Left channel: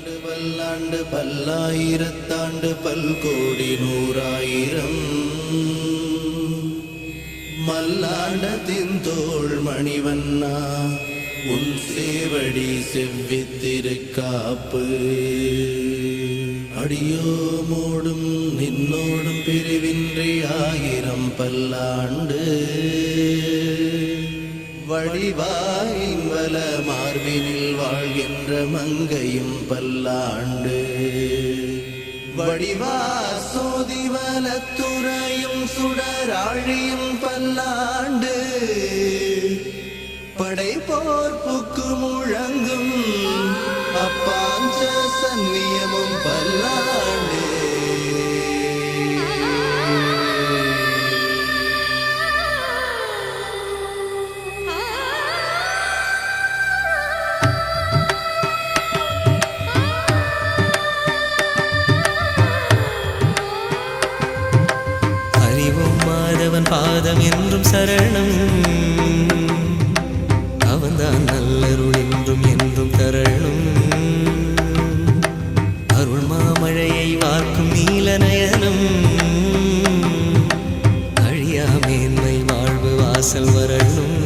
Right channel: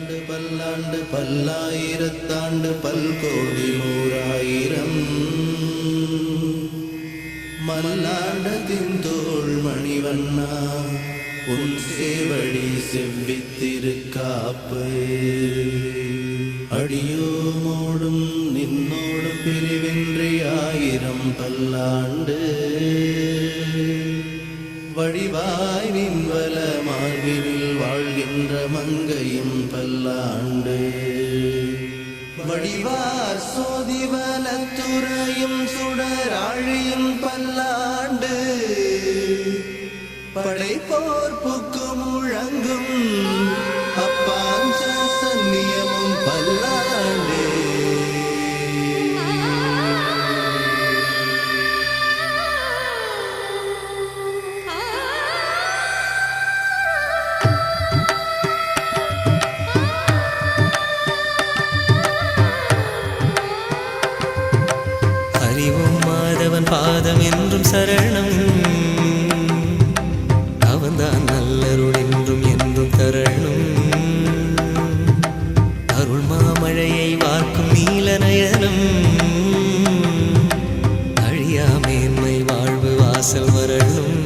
பல்லாண்டு பல்லாண்டு பல்லாயிரத்தாண்டு பல்கோடி நூறாயிரம் மல்லாண்டத்தின் தோள் மணிவண்ணா உன் சேவடி செவ்வித்திருக்காப்பு அடியோமோடும் நின்னோடு பிரிவின்றி ஆயிரம் பல்லாண்டு வடிவாயின் வல மார்பினில் வாழ்கின்ற மங்கையும் பல்லாண்டு வடிவா சோதிவலத்துறையும் சுடராழியும் பல்லாண்டு படைப்போர்ப்புக்கு முழங்கும் அப்பாஞ்ச சன்னியமும் பல்லாண்டு அறிவும் மாதவன் பாதம் என்றும் சரணம் அவன்தான் நல்லருள் என்றும் என்றும் தரணும் அருள் மாமழையை வார்க்கும் நீலநயனம் அழியா மேன்மை வாழ்வு வாசல் வரணும்